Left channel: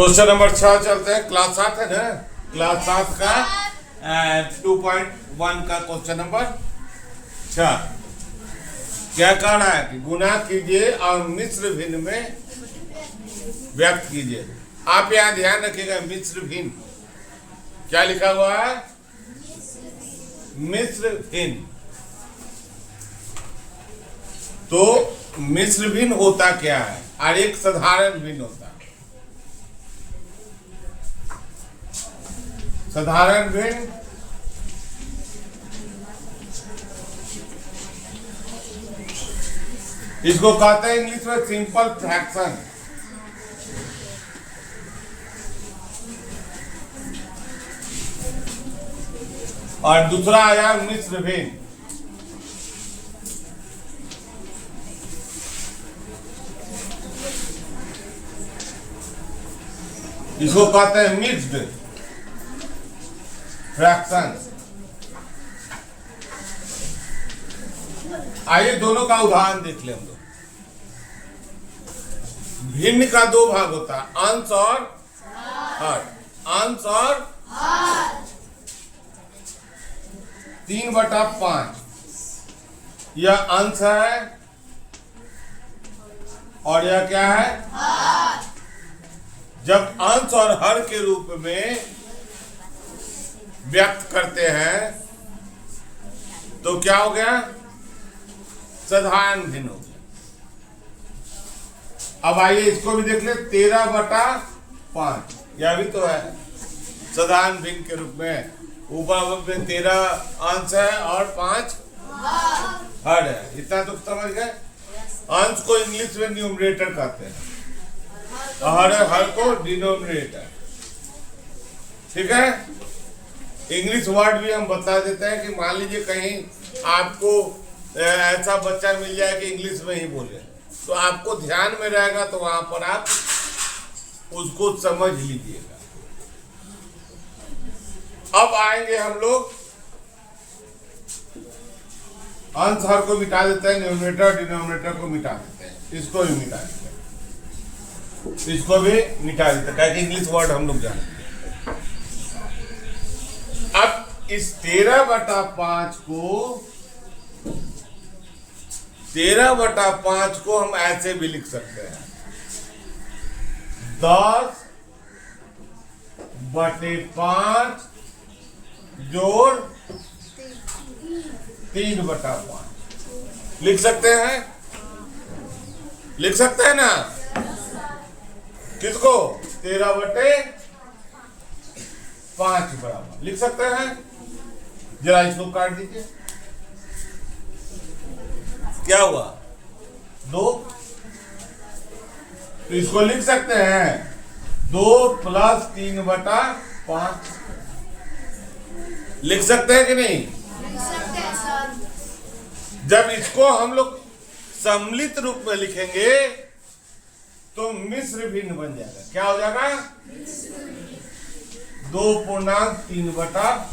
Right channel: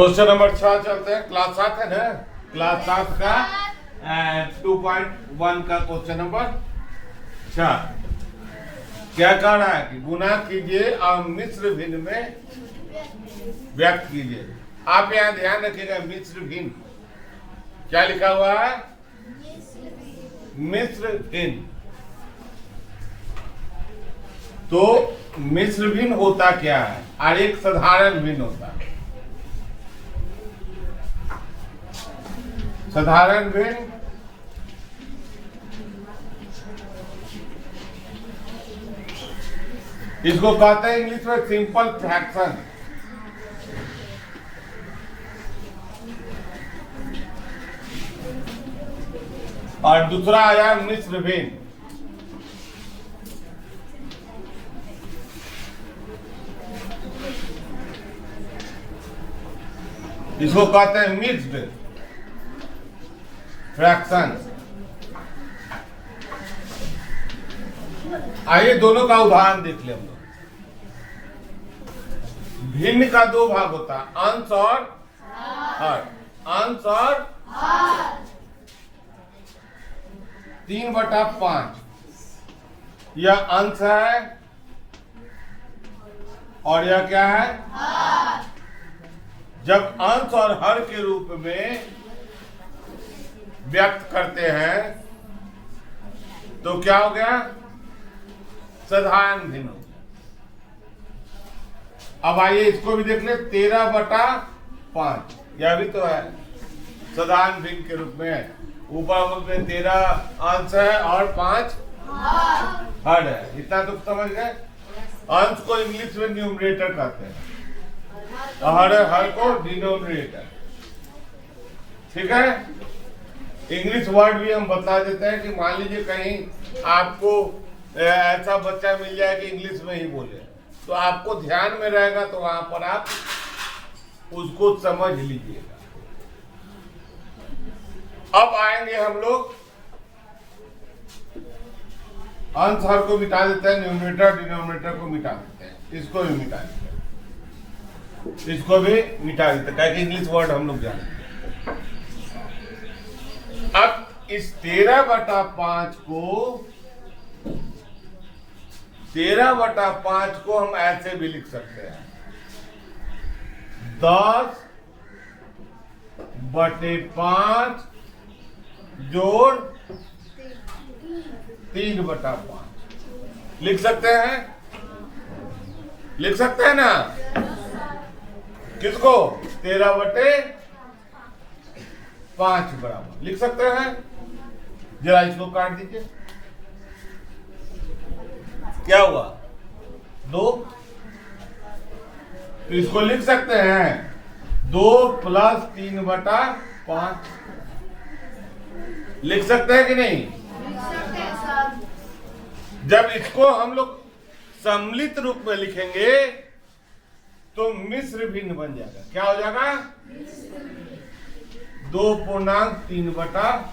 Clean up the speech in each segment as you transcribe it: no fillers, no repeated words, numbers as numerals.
Question number 6 चलते हैं। Class 7 है ना, क्लास 7 का 2.1 का क्वेश्चन नंबर 6 क्या कह रहा है कि गुना कीजिए और मिश्र भिन्न में व्यक्त कीजिए। आप यहाँ ध्यान रखिएगा, मिश्र भिन्न क्या लिखा हुआ है, मिश्र भिन्न। तो मिश्र भिन्न होता क्या है और एक साधारण भिन्न होता है। साधारण भिन्न इसको कहते हैं इंग्लिश में सिंपल फ्रैक्शन। और दूसरा आया मिश्र भिन्न। इसको कहते हैं मिक्स्ड फ्रैक्शन। आइए दोनों का उदाहरण देख लें हम लोग। भिन्न का दो भाग होता है, अंश और हर। अंश और 3/5 यह अंश है और यह क्या है, जब अंश और हर के रूप में व्यक्त करते हैं तो क्या हो गया, साधारण भिन्न हो गया। अब आइए इसको भी देख ले, 13/5 यह भी तो है साधारण भिन्न के रूप में। ऊपर में 13 अंश है और 5 हर है। इतना तो समझ गए। अंश को इंग्लिश में न्यूमरेटर कहते हैं और हर को डिनोमिनेटर। ठीक है, इंग्लिश वर्ड भी हम बता देते हैं कि मान लीजिए कहीं आपको ऐसा बच्चा मिल जाए कि इंग्लिश में ही बोले, तो आपको ध्यान में रहेगा, तो वहां पर आप उसको समझ लीजिएगा। अब आएंगे हम लोग, अंश हर को मिटा देते हैं, न्यूमरेटर डिनोमिनेटर को मिटा देते हैं, इसको भी मिटा देते हैं, इसको भी मिटा देते हैं, ताकि इंग्लिश वर्ड हम लोग जानते हैं। अब इस 13/5 को 13/5 को हम ऐसे भी लिख सकते हैं, 10/5 जोड़ 3/5 लिख सकते हैं। लिख सकते हैं ना, किसको, 13/5 बराबर लिख सकते हैं। जरा इसको काट दीजिए, क्या हुआ, 2। तो इसको लिख सकते हैं 2 + 3/5 लिख सकते हैं कि नहीं। जब इसको हम लोग सम्मिलित रूप में लिखेंगे तो मिश्र भिन्न बन जाएगा। क्या हो जाएगा, 2.3/5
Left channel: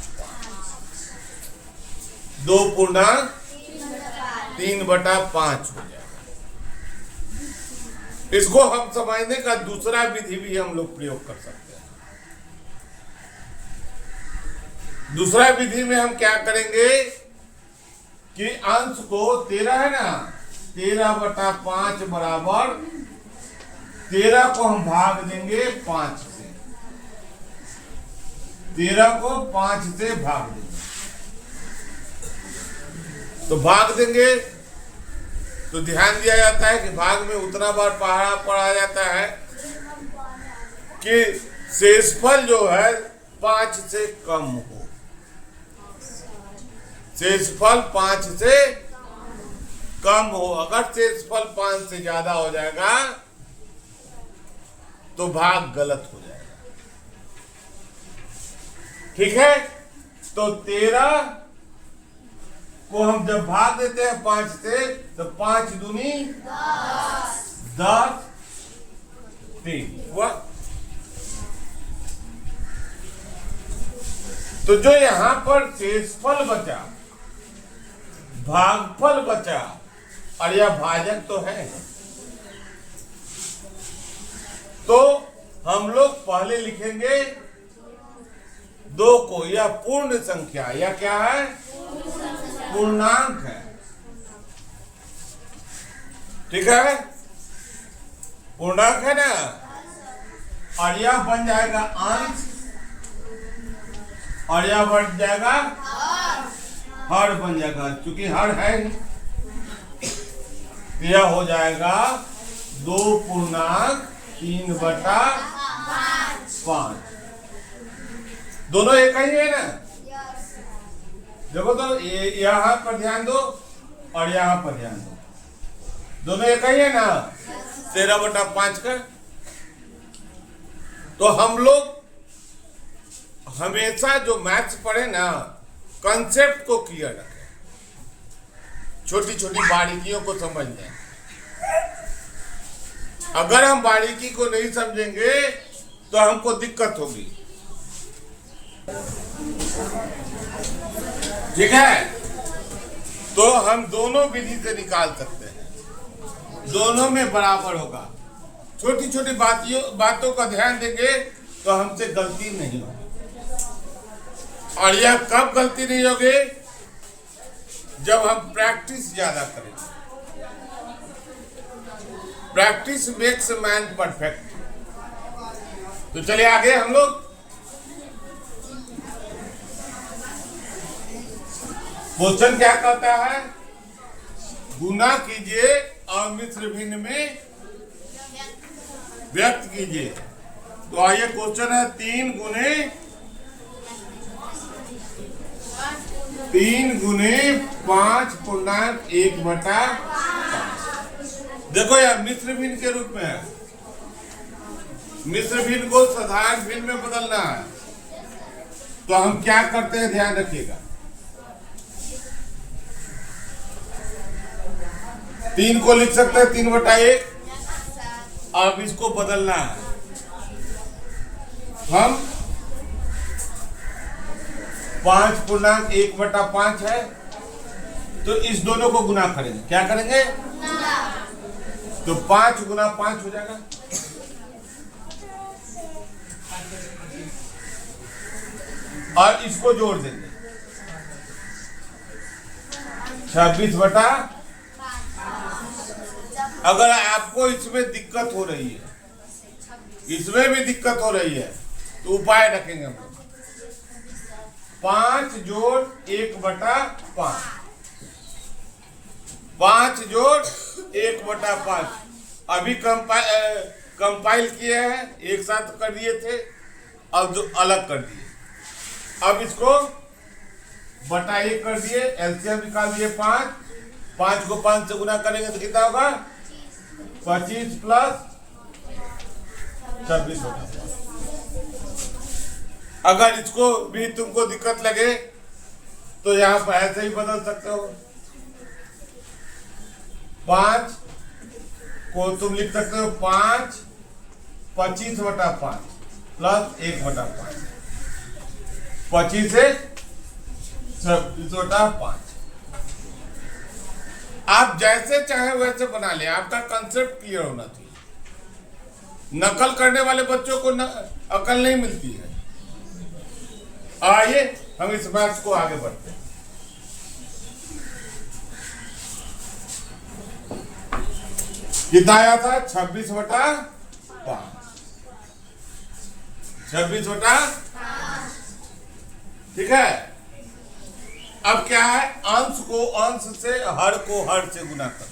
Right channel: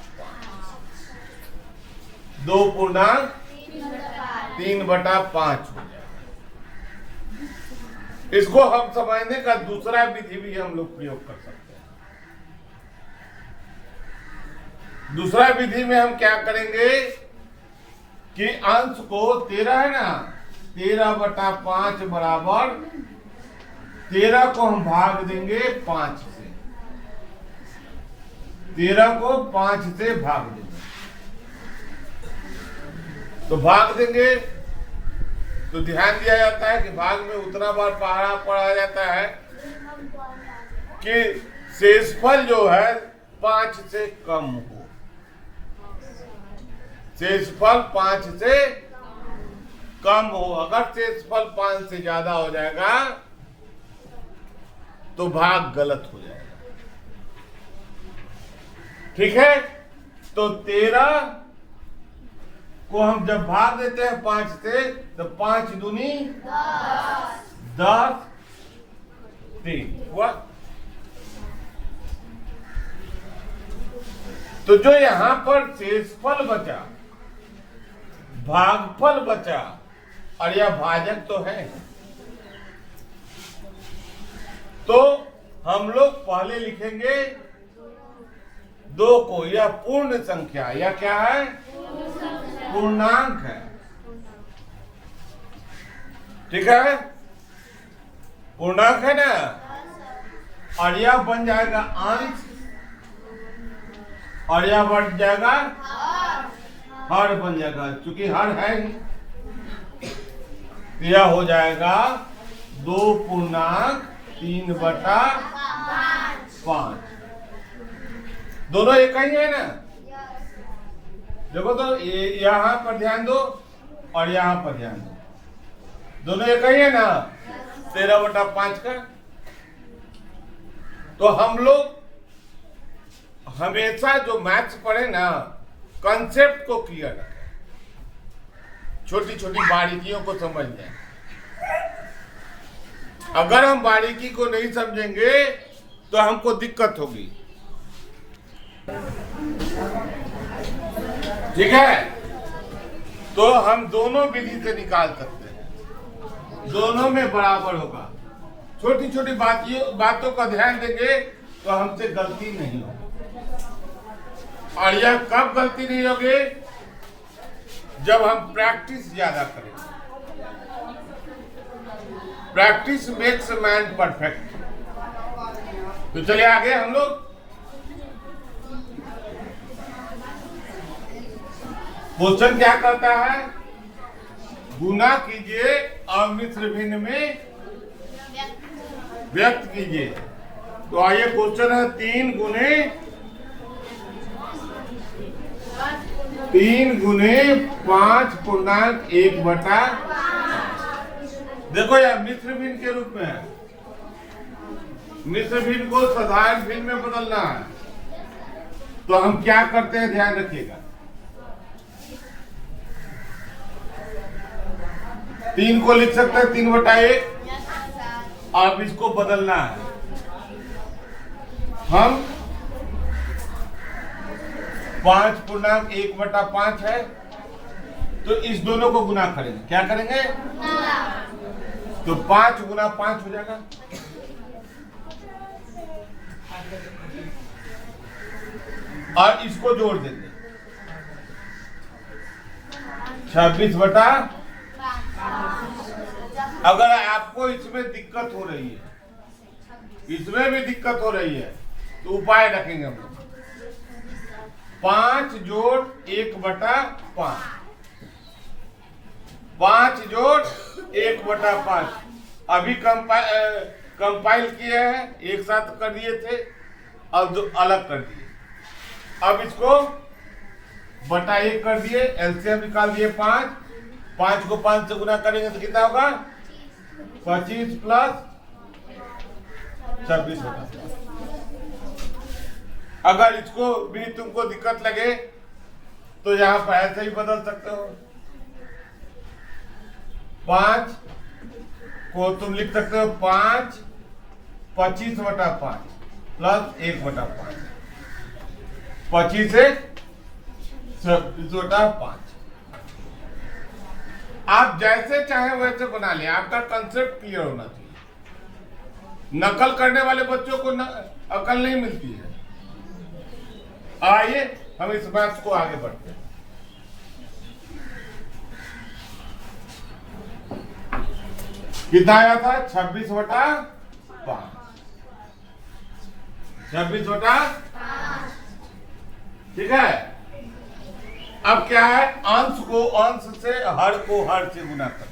2.3/5 हो जाएगा। इसको हम समझने का दूसरा विधि भी हम लोग प्रयोग कर सकते हैं। दूसरा विधि में हम क्या करेंगे कि अंश को 13 है ना, 13/5 बराबर 13 को हम भाग देंगे 5 से, 13 को 5 से भाग देंगे। तो भाग देंगे तो ध्यान दिया जाता है कि भाग में उतना बार पढ़ा जाता है कि शेषफल जो है 5 से कम हो। शेषफल 5 से कम हो। अगर शेषफल 5 से ज्यादा हो जाएगा तो भाग गलत हो जाएगा। ठीक है, तो 13 को हम जब भाग देते हैं 5 से, तो 5 दूनी 10 3 हुआ। तो जो यहां पर शेषफल बचा, भागफल बचा, और यह भाजक तो है, तो हम लोग पहले लिखेंगे 2 को, यह पूर्ण संख्या, यह क्या है? पूर्णांक है। ठीक है, पूर्णांक है ना। और यह बन जाएगा अंश, और यह बन जाएगा हर बन जाएगा, क्योंकि हर है। यह हो जाएगा 2 पूर्णांक 3/5। दोनों एक ही है ना। देखो तो यहाँ पर ध्यान दो और यहाँ पर ध्यान दो, दोनों एक ही है ना, 13/5 का। तो हम लोग हमेशा जो मैथ्स पढ़े ना, कंसेप्ट को क्लियर रखें, छोटी छोटी बारीकियों को समझ जाए। अगर हम बारीकी को नहीं समझेंगे तो हमको दिक्कत होगी। ठीक है, तो हम दोनों विधि से निकाल सकते हैं, दोनों में बराबर होगा। छोटी छोटी बातों का ध्यान देंगे तो हमसे गलती नहीं होगी। और यह कब गलती नहीं होगी? जब हम प्रैक्टिस ज्यादा करेंगे। Practice makes man perfect. तो चलिए आगे हम लोग क्वेश्चन क्या कहता है? गुना कीजिए और मिश्र भिन्न में व्यक्त कीजिए। तो आइए क्वेश्चन है 3 गुने 5.1/। देखो यार, मिश्र भिन्न के रूप में है। मिश्र भिन्न को साधारण भिन्न में बदलना है। तो हम क्या करते हैं, ध्यान रखिएगा। 3 को लिख सकते हैं 3/1। अब इसको बदलना है। हम 5.1/5 है, तो इस दोनों को गुना करेंगे। क्या करेंगे? तो 5 गुना 5 हो जाएगा। और इसको जोड़ देंगे 26/। अगर आपको इसमें दिक्कत हो रही है, इसमें भी दिक्कत हो रही है, तो उपाय रखेंगे हम लोग। 5 जोड़ 1/5, 5 जोड़ 1/5। अभी कंपाइल किए हैं, एक साथ कर दिए थे, अब जो अलग कर दिए। अब इसको बटा 1 कर दिए, एलसीएम निकाल दिए 5। 5 को 5 से गुना करेंगे तो कितना होगा? 25 + 26/5। अगर इसको भी तुमको दिक्कत लगे तो यहाँ पर ऐसे ही बदल सकते हो। 5 को तुम लिख सकते हो 5 25/5 + 1/5। 25 से 26/5। आप जैसे चाहे वैसे बना ले, आपका कंसेप्ट क्लियर होना चाहिए। नकल करने वाले बच्चों को अकल नहीं मिलती है। आइए हम इस मैथ्स को आगे बढ़ते हैं। कितना आया था? 26/5। 26/5। ठीक है। अब क्या है? अंश को अंश से, हर को हर से गुना करते हैं।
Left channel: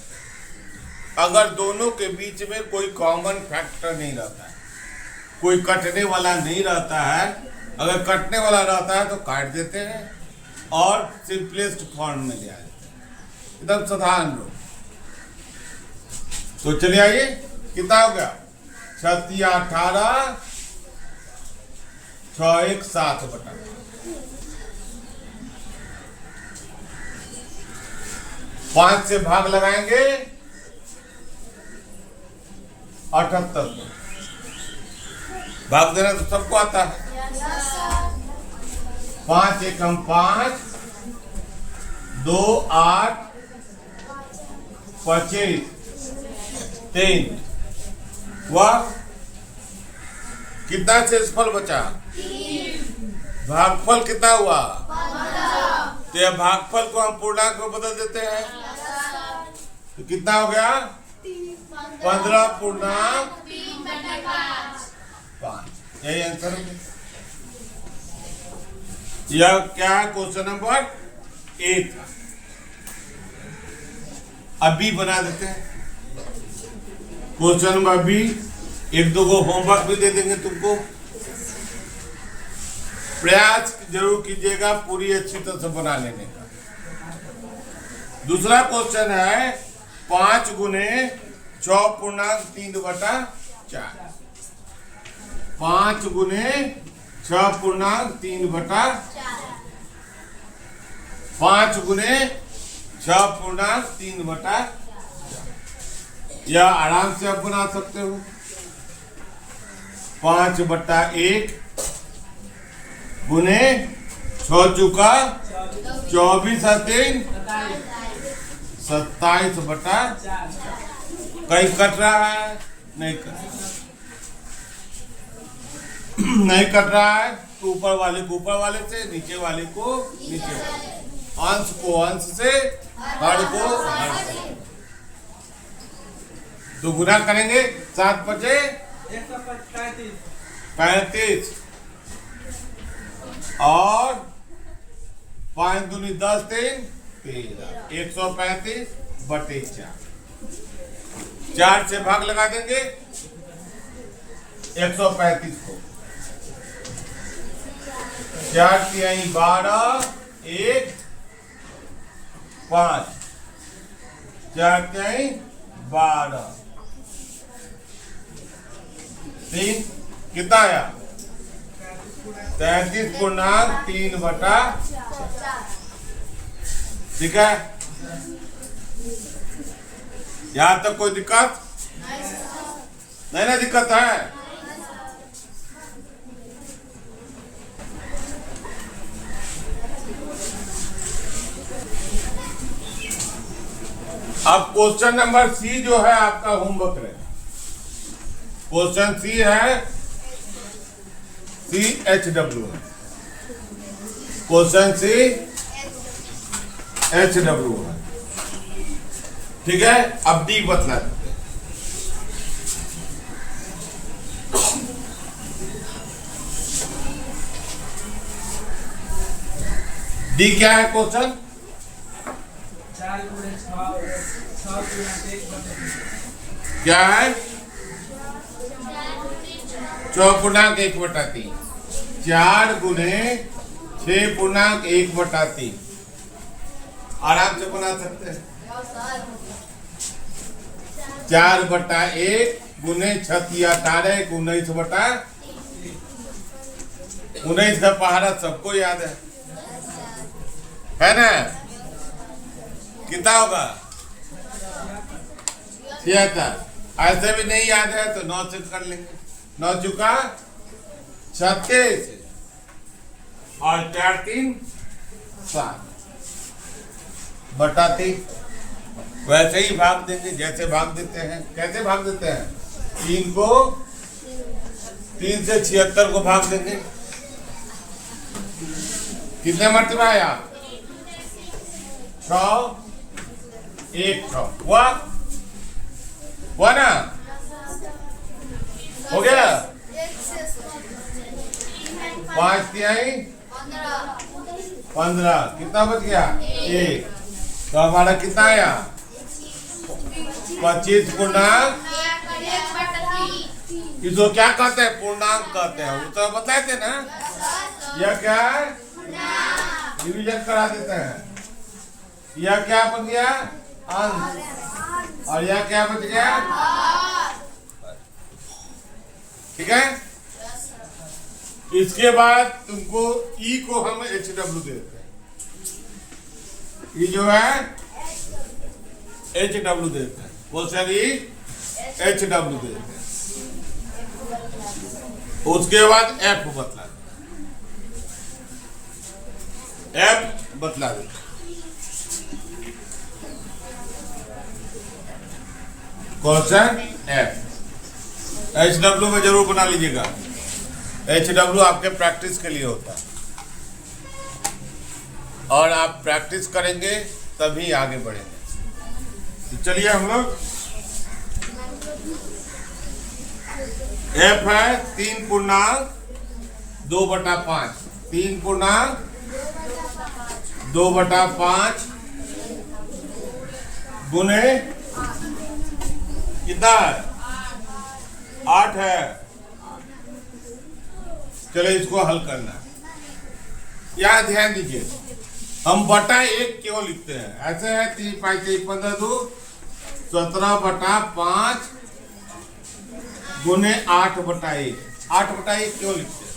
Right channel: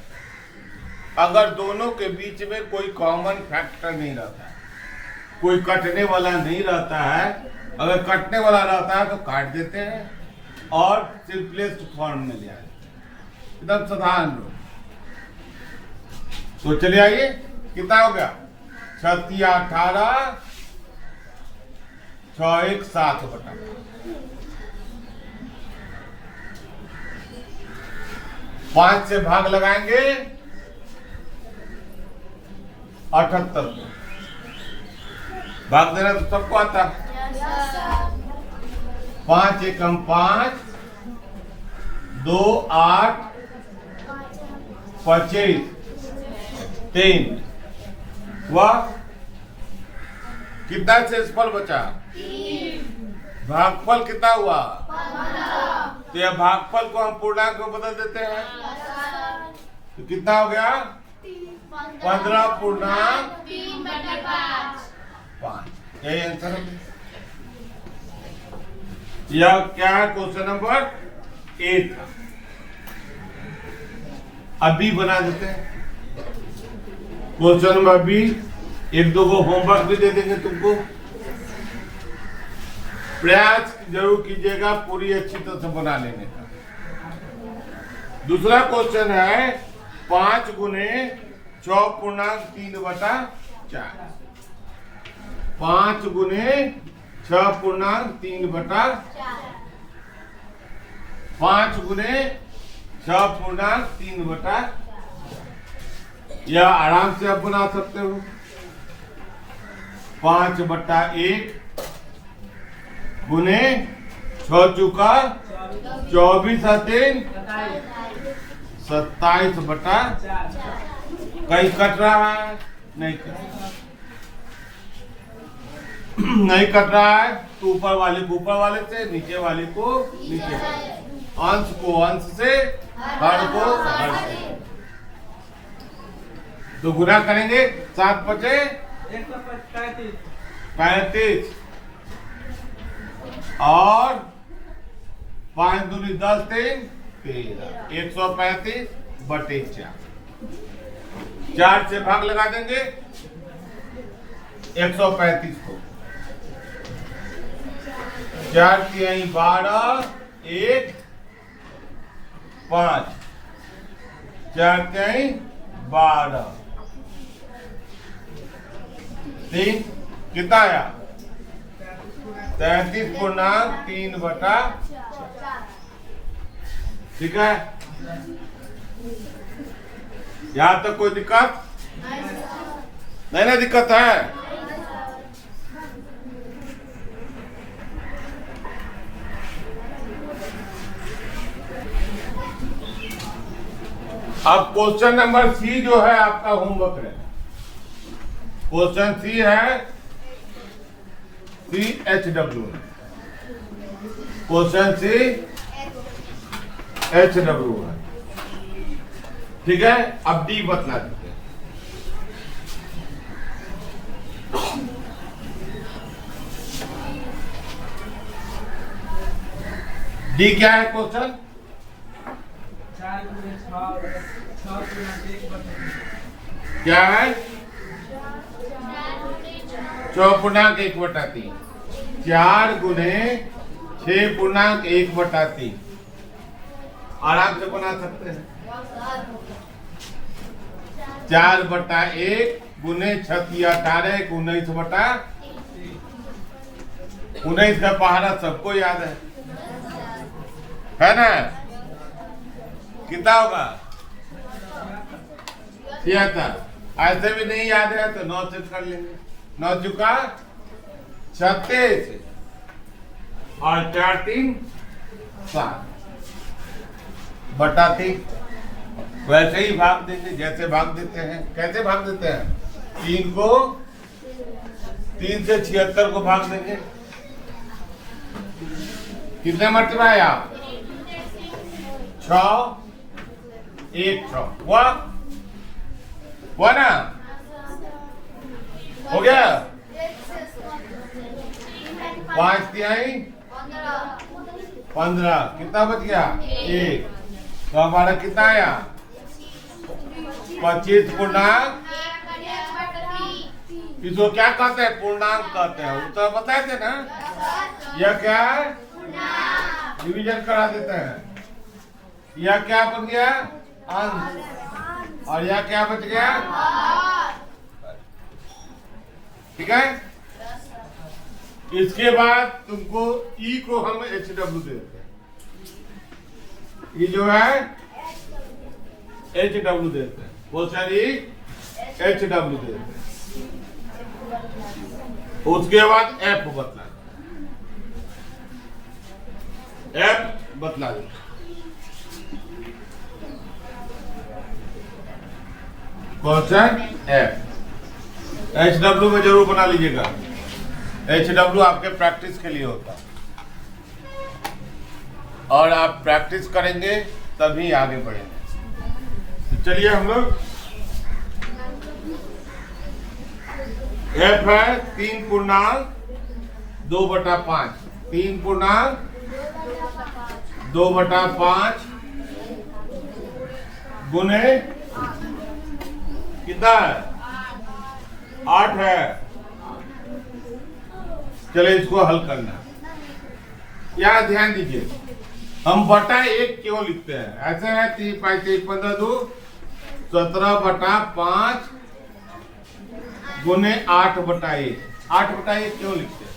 अगर दोनों के बीच में कोई कॉमन फैक्टर नहीं रहता है, कोई कटने वाला नहीं रहता है। अगर कटने वाला रहता है तो काट देते हैं और सिंपलेस्ट फॉर्म में ले आते हैं, एकदम साधारण रूप। तो चलिए आइए, कितना हो गया? 7 × 18 6 × 1 7/5। 5 से भाग लगाएंगे 78 को। भाग देना तो सबको आता है। 5 × 5 2 8 25 3 हुआ कितना शेषफल बचा? भागफल कितना हुआ? तो यह भागफल को हम पूर्णांक में बदल देते हैं, तो कितना हो गया? 15.3/5। यही आंसर है। यह क्या क्वेश्चन नंबर 8 था। अभी बना देते हैं क्वेश्चन नंबर बी। एक दो को होमवर्क भी दे देंगे तुमको, प्रयास जरूर कीजिएगा पूरी अच्छी तरह से बना लेने का। दूसरा क्वेश्चन है 5 गुने 6.3/4। 5 गुने 6.3/4। 5 गुने 6.3/4। या आराम से आप बना सकते हो 5/1 गुने 6 चुका 24 3 27/4। कहीं कट रहा है? नहीं कट नहीं कट रहा है, तो ऊपर वाले को ऊपर वाले से, नीचे वाले को नीचे, अंश को अंश से, हर को हर से। तो गुना करेंगे 7 बचे 35 और 5 दूनी 10 3 13 135/4। 4 से भाग लगा देंगे 135 को। 4 तिहाई 12 1 5। 4 तिहाई 12 3 कितना आया? 33.3/4। ठीक है, यहां तक कोई दिक्कत नहीं ना? दिक्कत है? अब क्वेश्चन नंबर सी जो है आपका होमवर्क है। क्वेश्चन सी है CHW है। क्वेश्चन CHW है। ठीक है, अब डी बतला देते हैं। डी क्या है क्वेश्चन? क्या है? 4.1/3। 4 गुने 6.1/3। आराम से बना सकते हैं। 4/1 गुने 6 18 19/19 का पहाड़ा सबको याद है ना? कितना होगा? 76। ऐसे भी नहीं याद है तो 9 से कर लेंगे। 9 चुका 36 और 4 3 7/3। वैसे ही भाग देंगे जैसे भाग देते हैं। कैसे भाग देते हैं? 3 को 3 से 76 को भाग देंगे। कितने मरतबा है आप? 6 1 6 हुआ ना? हो गया? 5 तिहाई 15। कितना बच गया? 1। तो हमारा कितना आया? 25.1। इसको क्या कहते हैं? पूर्णांक कहते हैं। वो तो बताए थे ना। यह क्या है? डिवीजन करा देते हैं। यह क्या बन गया? अंश। और यह क्या बच गया? ठीक है। इसके बाद तुमको ई को हम HW देते हैं। ई जो है HW देते हैं। क्वेश्चन ई HW देते हैं। उसके बाद F बतला देते। क्वेश्चन F HW में जरूर बना लीजिएगा। HW आपके प्रैक्टिस के लिए होता है, और आप प्रैक्टिस करेंगे तभी आगे बढ़ेंगे। तो चलिए हम लोग, F है 3.2/5, 3.2/5 गुने कितना है, 8 है। चले इसको हल करना। यहाँ ध्यान दीजिए, हम बटा 1 क्यों लिखते हैं, ऐसे है 3 5 3 15 2 17/5 गुने 8/1। 8/1 क्यों लिखते हैं?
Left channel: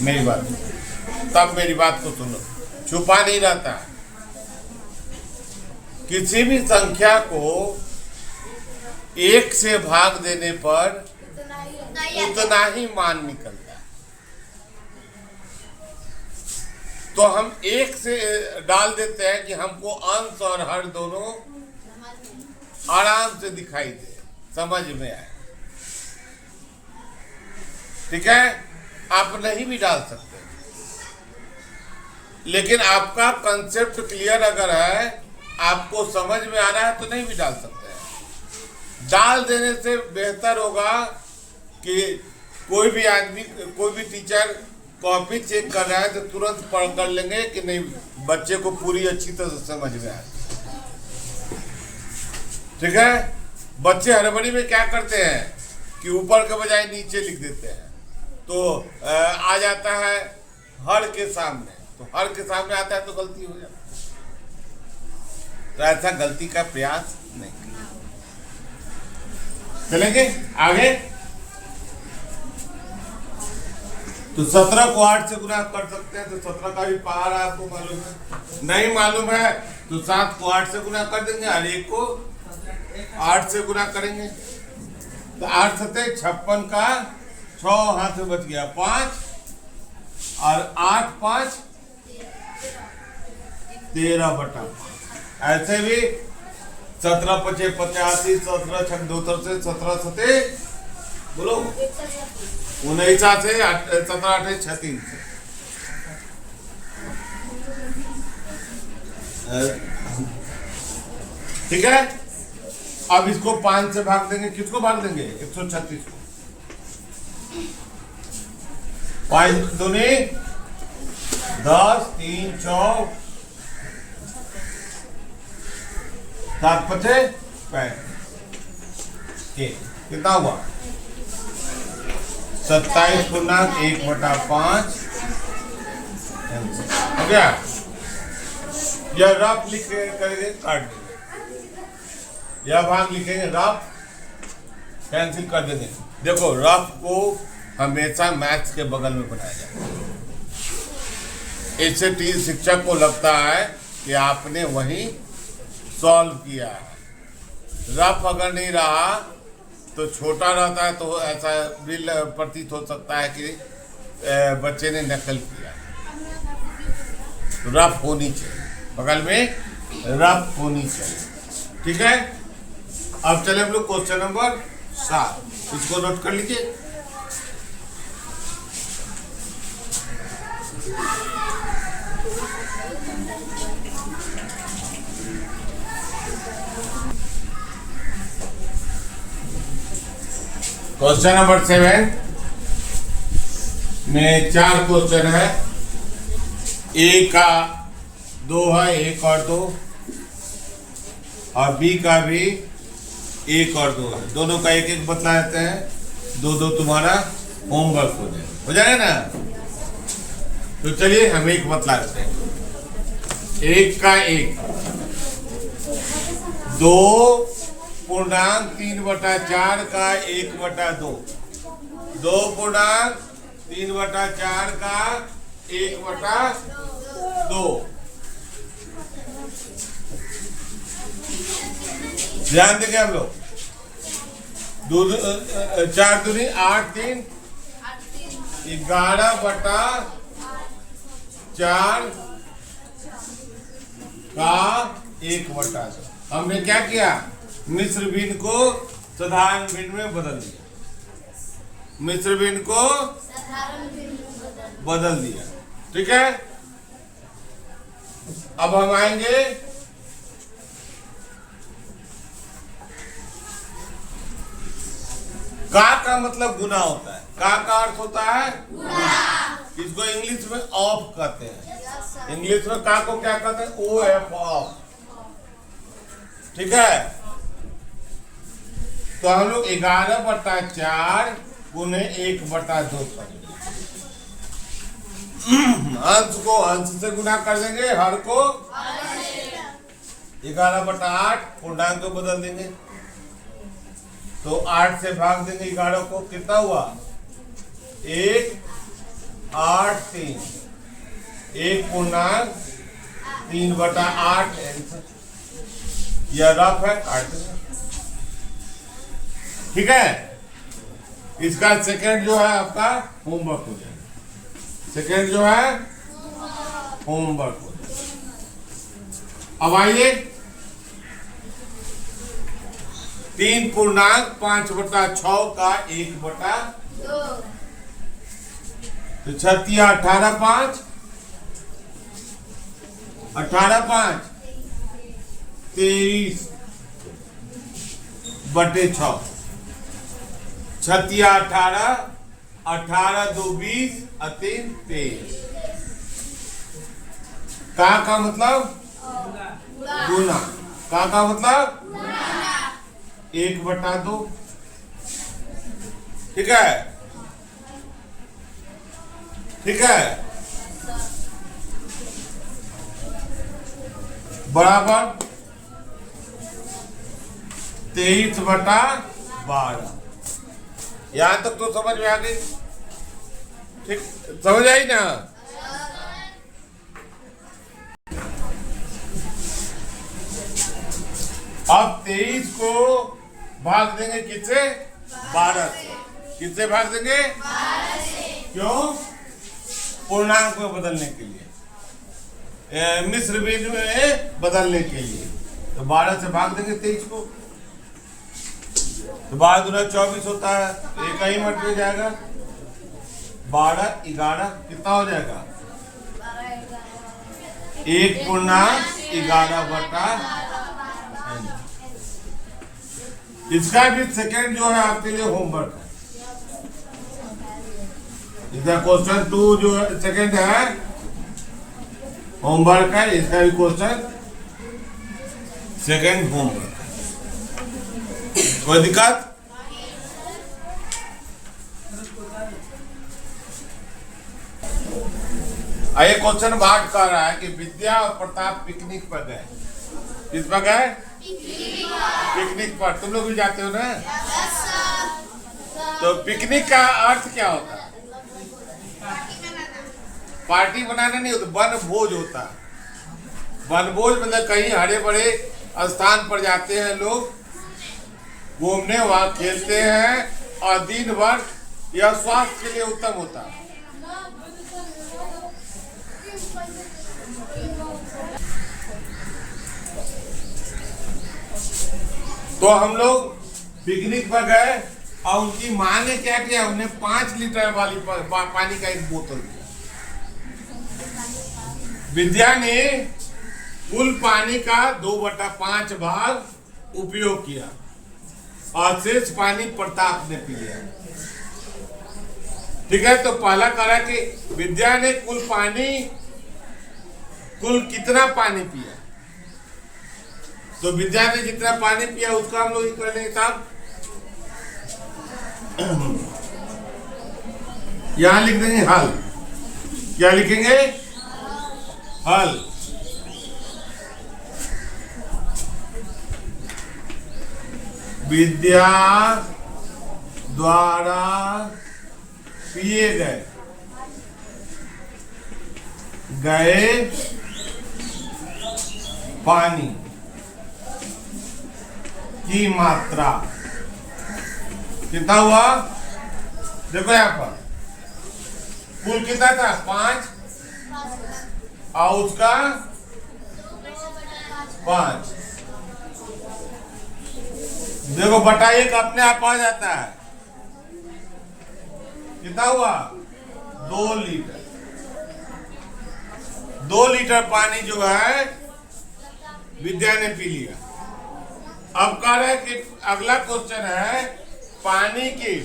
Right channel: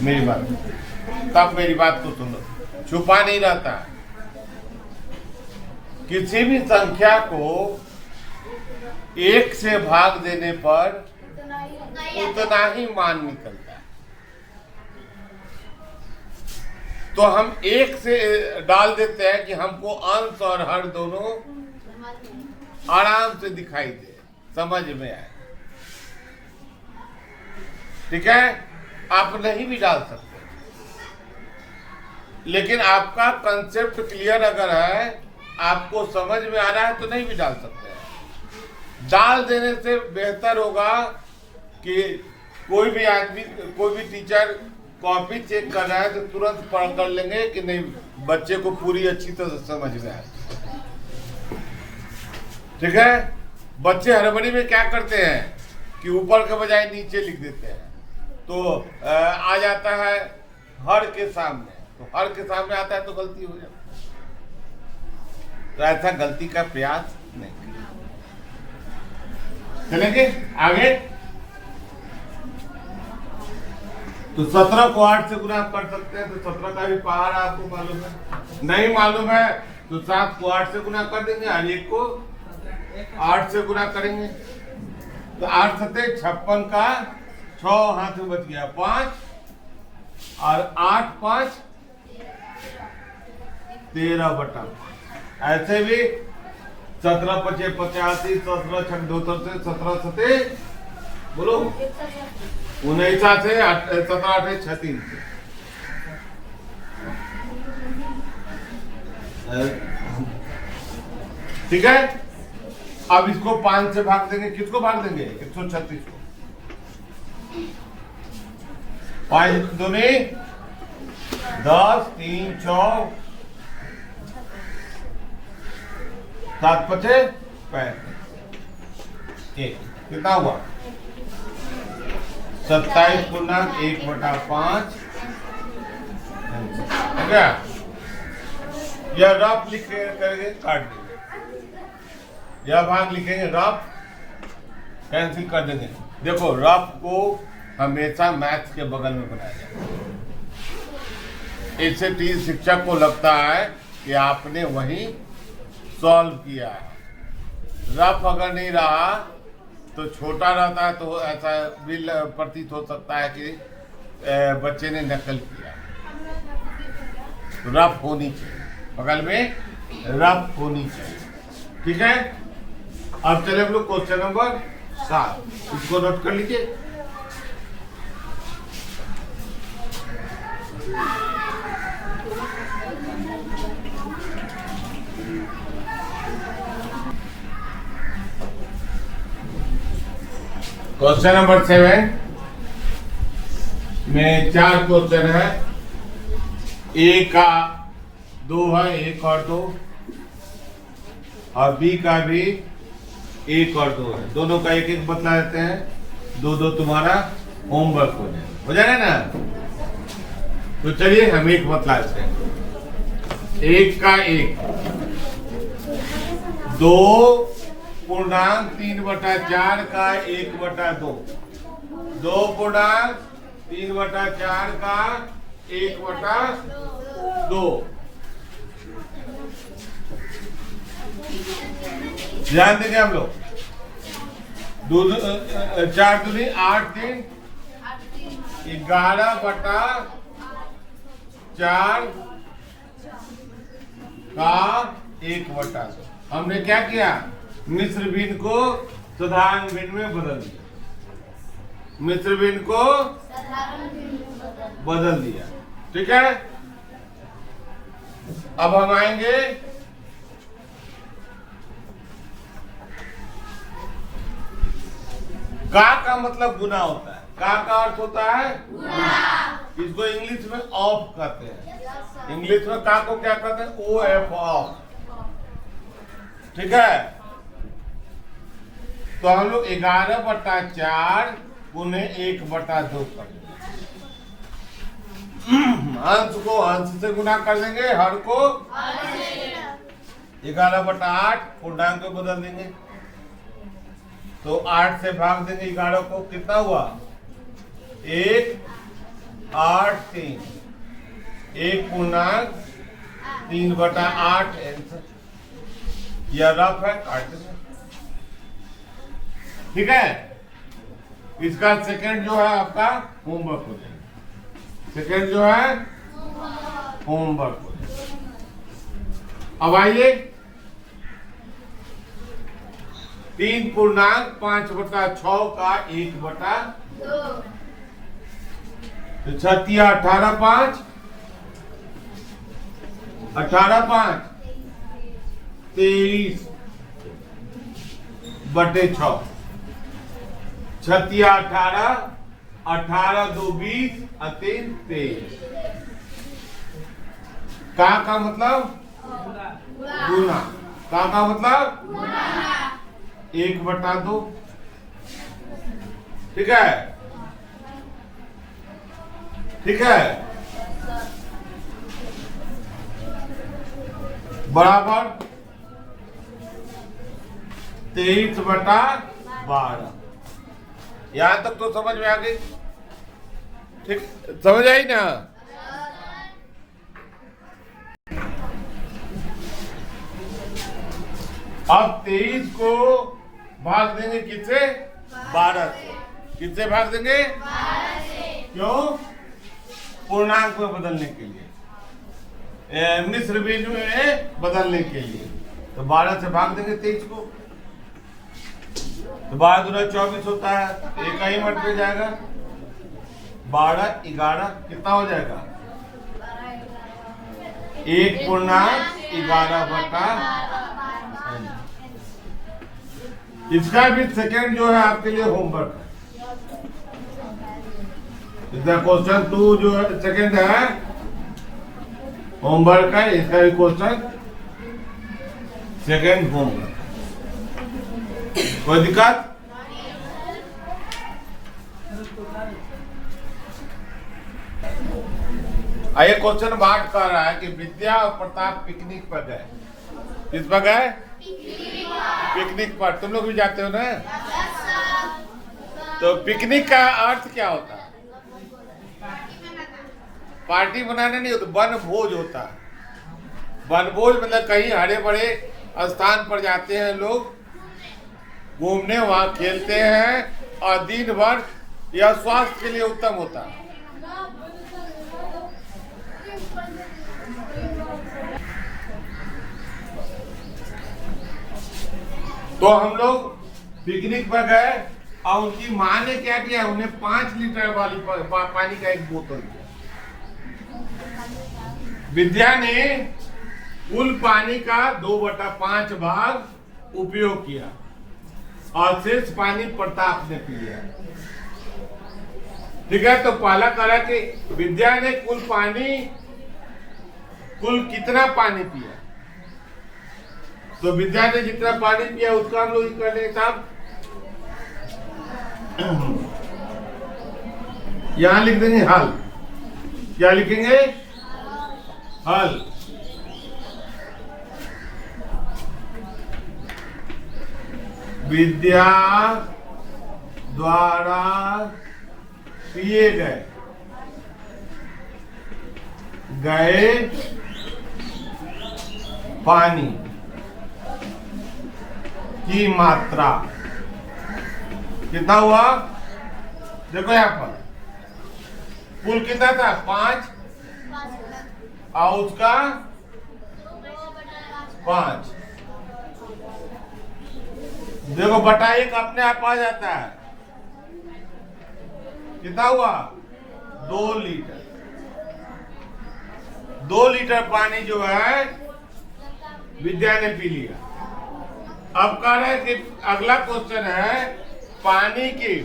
मेरी बात, तब मेरी बात को सुनो, छुपा नहीं रहता है। किसी भी संख्या को 1 से भाग देने पर उतना ही मान निकलता है। तो हम 1 से डाल देते हैं कि हमको अंश और हर दोनों आराम से दिखाई दे, समझ में आए। ठीक है, आप नहीं भी डाल सकते, लेकिन आपका कंसेप्ट क्लियर अगर है, आपको समझ में आ रहा है, तो नहीं भी डाल सकते हैं। डाल देने से बेहतर होगा कि कोई भी आदमी, कोई भी टीचर कॉपी चेक कर रहा है तो तुरंत पढ़ कर लेंगे कि नहीं, बच्चे को पूरी अच्छी तरह समझ में आए। ठीक है, बच्चे हड़बड़ी में क्या करते हैं कि ऊपर के बजाय नीचे लिख देते हैं, तो आ जाता है हर के सामने, तो हर के सामने आता है तो गलती हो जाती है। तो ऐसा गलती का प्रयास नहीं करना। चलेंगे आगे। तो 17 को 8 से गुना आप कर सकते हैं, तो 17 का भी पहाड़ आपको मालूम है। नहीं मालूम है तो 7 को 8 से गुना कर देंगे और 1 को 8 से गुना करेंगे। तो 8 7 56 का 6 हाथ में बच गया 5, और 8 5 13/5। ऐसे भी 17 5 85, 17 6 2 से 17 7 बोलो 19 से 17 8 36 से। ठीक है, अब इसको 5 से भाग देंगे। किसको भाग देंगे? 136 को। 5 दूनी 10, 3 4 7 5 5 कितना हुआ? 27/1/5 हो गया। यह रफ लिख करेंगे, काट देंगे। यह भाग लिखेंगे, रफ कैंसिल कर देंगे। देखो, रफ को हमेशा मैथ्स के बगल में बनाया जाए। इससे शिक्षक को लगता है कि आपने वहीं सॉल्व किया है। रफ अगर नहीं रहा तो छोटा रहता है, तो ऐसा भी प्रतीत हो सकता है कि बच्चे ने नकल किया। रफ होनी चाहिए, बगल में रफ होनी चाहिए। ठीक है, अब चले हम लोग क्वेश्चन नंबर 7, इसको नोट कर लीजिए। क्वेश्चन नंबर 7 में 4 क्वेश्चन है। ए का 2 है, 1 और 2, और बी का भी 1 और 2 है। दोनों का 1 1 बतला देते हैं, 2 2 तुम्हारा होमवर्क हो जाएगा ना। तो चलिए हम 1 बतला देते हैं। 1 का 1 2.3/4 का 1/2, 2.3/4 का 1/2। ध्यान देंगे हम लोग। 4 दूनी 8 3 11/4 का 1/2। हमने क्या किया, मिश्र भिन्न को साधारण भिन्न में बदल दिया, मिश्र भिन्न को बदल दिया। ठीक है, अब हम आएंगे का मतलब गुना होता है। का अर्थ होता है गुना। इसको इंग्लिश में ऑफ कहते हैं। इंग्लिश में का को क्या कहते हैं, OF, ऑफ। ठीक है, तो हम लोग 11/4 गुने 1/2 करेंगे। अंश को अंश से गुना कर देंगे, हर को 11/8 पूर्णांक को बदल देंगे, तो 8 से भाग देंगे 11 को, कितना हुआ 1, 8, 3, 1 पूर्णांक 3/8 आंसर। यह रफ है, काट देंगे। ठीक है, इसका सेकंड जो है आपका होमवर्क हो जाएगा। सेकंड जो है होमवर्क हो जाएगा। अब आइए 3 पूर्णांक 5/6 का 1/2, तो 36 18 5 18 5 23/6, 36 18 18 2 20 3 23। का मतलब गुना, का मतलब 1/2। ठीक है, ठीक है, बराबर 23/12। यहां तक तो समझ में आ गई। ठीक, समझ आई ना। अब 23 को भाग देंगे किससे, 12 से। किससे भाग देंगे, 12 से। क्यों, पूर्णांक में बदलने के लिए, मिश्र भिन्न में बदलने के लिए। तो 12 से भाग देंगे 23 को, तो 12 गुना 24 होता है, एक ही मत में जाएगा। 12 11 कितना हो जाएगा, 1 पूर्णांक 11/। इसका भी सेकंड जो है आपके लिए होमवर्क है। इसका क्वेश्चन 2 जो सेकंड है होमवर्क है, इसका भी क्वेश्चन सेकंड होमवर्क। कोई दिक्कत? आइए, क्वेश्चन 8 कह रहा है कि विद्या और प्रताप पिकनिक पर गए। किस पर गए, पिकनिक पर। तुम लोग भी जाते हो ना। तो पिकनिक का अर्थ क्या होता है, पार्टी बनाने नहीं होता, वनभोज होता है। वनभोज मतलब कहीं हरे भरे स्थान पर जाते हैं लोग घूमने, वहां खेलते हैं और दिन भर। यह स्वास्थ्य के लिए उत्तम होता है। तो हम लोग पिकनिक पर गए और उनकी माँ ने क्या किया, उन्हें 5 लीटर वाली पानी का एक बोतल दिया। विद्या ने कुल पानी का 2/5 भाग उपयोग किया और शेष पानी प्रताप ने पी लिया। ठीक है, तो पहला करा कि विद्या ने कुल कितना पानी पिया। तो विद्या ने जितना पानी पिया उसका हम लोग कर लेंगे साहब। यहां लिख देंगे हल। क्या लिखेंगे, हल। विद्या द्वारा पिए गए पानी की मात्रा कितना हुआ। देखो यहां पर कुल कितना था 5 और उसका 5। देखो बटा 1 अपने आप आ जाता है। कितना हुआ? 2 लीटर। 2 लीटर पानी जो है विद्या ने पी लिया। अब कह रहे हैं कि अगला क्वेश्चन है पानी की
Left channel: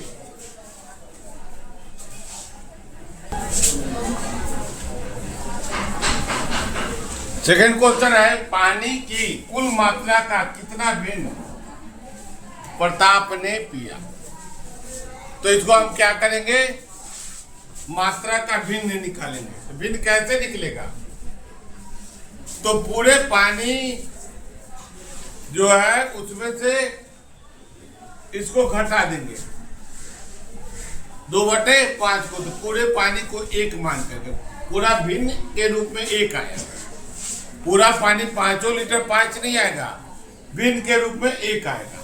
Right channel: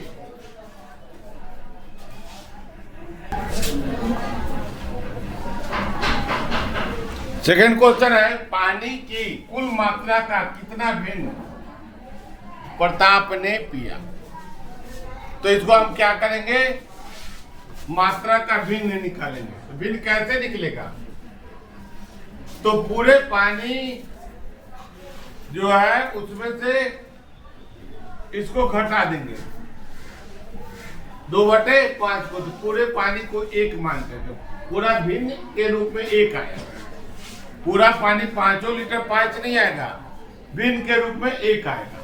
सेकेंड क्वेश्चन है पानी की कुल मात्रा का कितना भिन्न प्रताप ने पिया। तो इसको हम क्या करेंगे? मात्रा का भिन्न निकालेंगे। भिन्न कैसे निकलेगा? तो पूरे पानी जो है उसमें से इसको घटा देंगे 2/5 को, तो पूरे पानी को 1 मान करके पूरा भिन्न के रूप में 1 आएगा। पूरा पानी 5 लीटर 5 नहीं आएगा, भिन्न के रूप में 1 आएगा।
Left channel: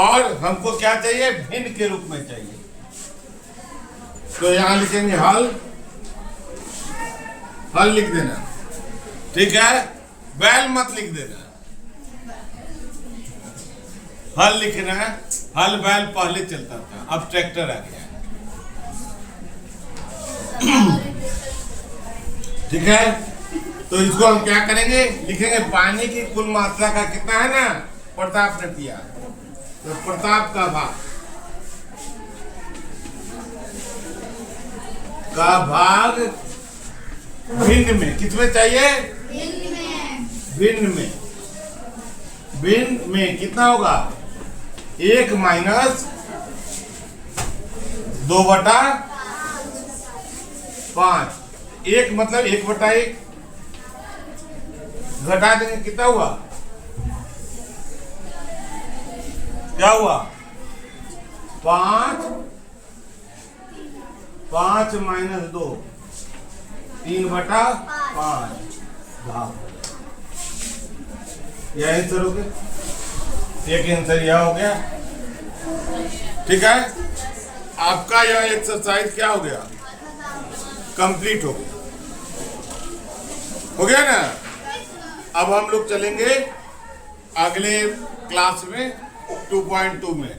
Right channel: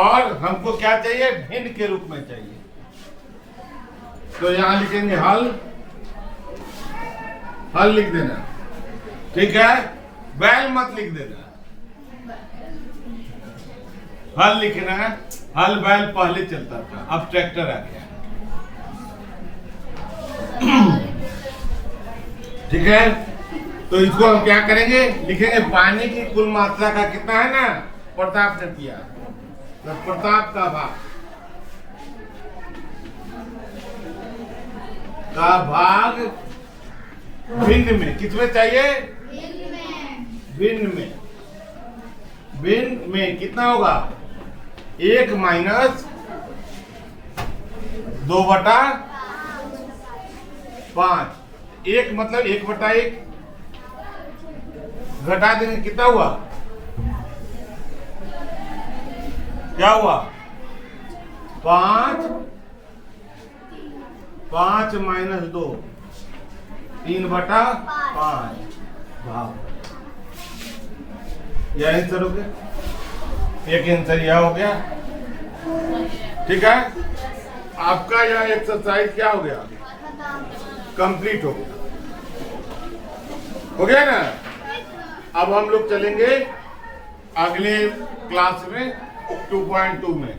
और हमको क्या चाहिए? भिन्न के रूप में चाहिए। तो यहां लिखेंगे हल लिख देना, ठीक है? बैल मत लिख देना, हल लिखना है। हल बैल पहले चलता था, अब ट्रैक्टर आ गया। ठीक है, तो इसको हम क्या करेंगे? लिखेंगे पानी की कुल मात्रा का कितना है ना, प्रताप ने पिया, तो प्रताप का भाग भिन्न में। किसमें चाहिए? भिन्न में कितना होगा? 1 माइनस 2/5। 1 मतलब 1/1 घटा देंगे, कितना हुआ? क्या हुआ? 5 माइनस 2 3/5 भाग। यह आंसर हो गया। एक आंसर यह हो गया। ठीक है, आपका यह एक्सरसाइज क्या हो गया? कंप्लीट हो गया। हो गया ना? अब हम लोग चलेंगे अगले क्लास में 2.2 में।